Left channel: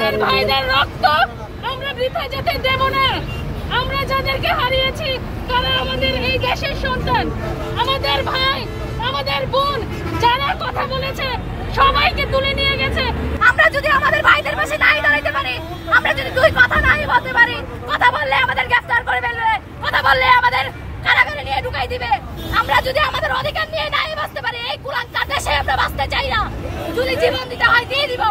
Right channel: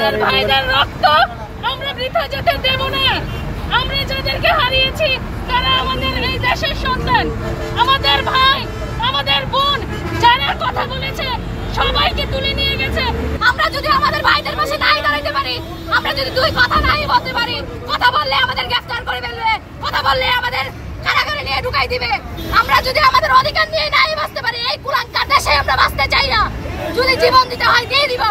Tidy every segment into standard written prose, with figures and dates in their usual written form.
আমাদের ভাইদের রক্ত আমরা বৃথা যেতে দেব না। আমরা যাদেরকে হারিয়েছি তারা আমাদের এই দেশের সন্তান, আমাদের ভাই, আমাদের বোন, যারা কথা বলেছে সবাইকে তুলে নিয়ে গেছে। আমরা যদি আমাদের ভাইদের পাশে নাই দাঁড়াতে পারি, আমরা যদি দুই কথা নাই বলতে পারি, কথা বললে আমাদের গ্রেফতার করে ফেলবে, কথা বললে আমাদের কারাগারে নিয়ে ঢুকাই দিবে। আমরা যদি আমাদের অধিকার নিয়ে নাই বাঁচতে পারি, এই কুলাঙ্কার দেশে আমরা বাঁচতে চাই না। যদি জীবন দিতে হয় দিয়ে দিব।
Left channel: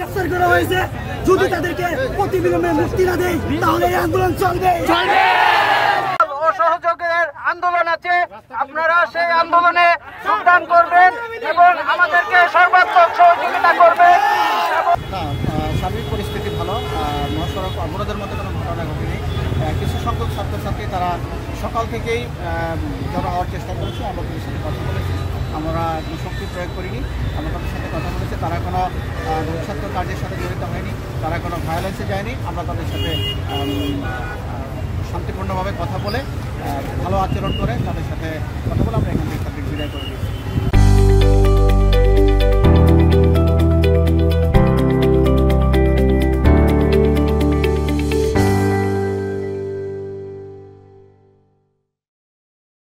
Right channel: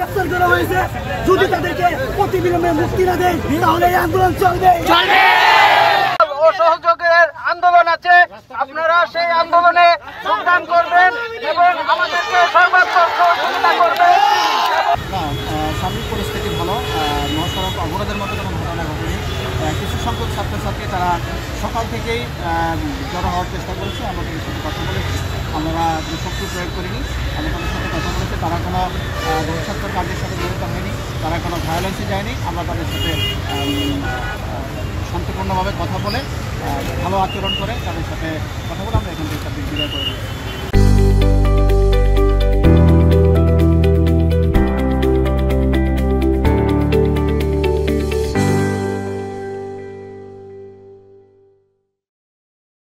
গ্রেফতার করা হয়েছে, যদি তাদেরকে অতিবিলম্বে মুক্তি না দেয় তাহলে এই আন্দোলন চলবে। অসহযোগের আন্দোলন আছে, আপনারা সেই আন্দোলনে যোগদান করবেন এবং আমাদেরকে সর্বাত্মক সহযোগিতা করবেন। সার্বিক পরিস্থিতি ভালো, মহাসড়ক অবরোধের মতো কোনো ঘটনা ঘটেনি। কিছু সংখ্যক ছাত্রছাত্রী তারা সকাল থেকেই জড়ো হওয়ার চেষ্টা করেছে। আমরা তাদের সাথে কথা বলেছি, আমরা শক্তি প্রয়োগ করিনি। আমরা তাদের সাথে কথা বলেছি, তারা কোনো ছাত্র কার্যের সাথে জড়িত হয়নি, তারা কোনো ভায়োলেন্সে যায়নি। আমরা তাদের সাথে শান্তিপূর্ণভাবে কথা বলে ভালো আচরণ করে তাদের সাথে কথা বলে আমরা এখান থেকে বিদায় করে দিয়েছি।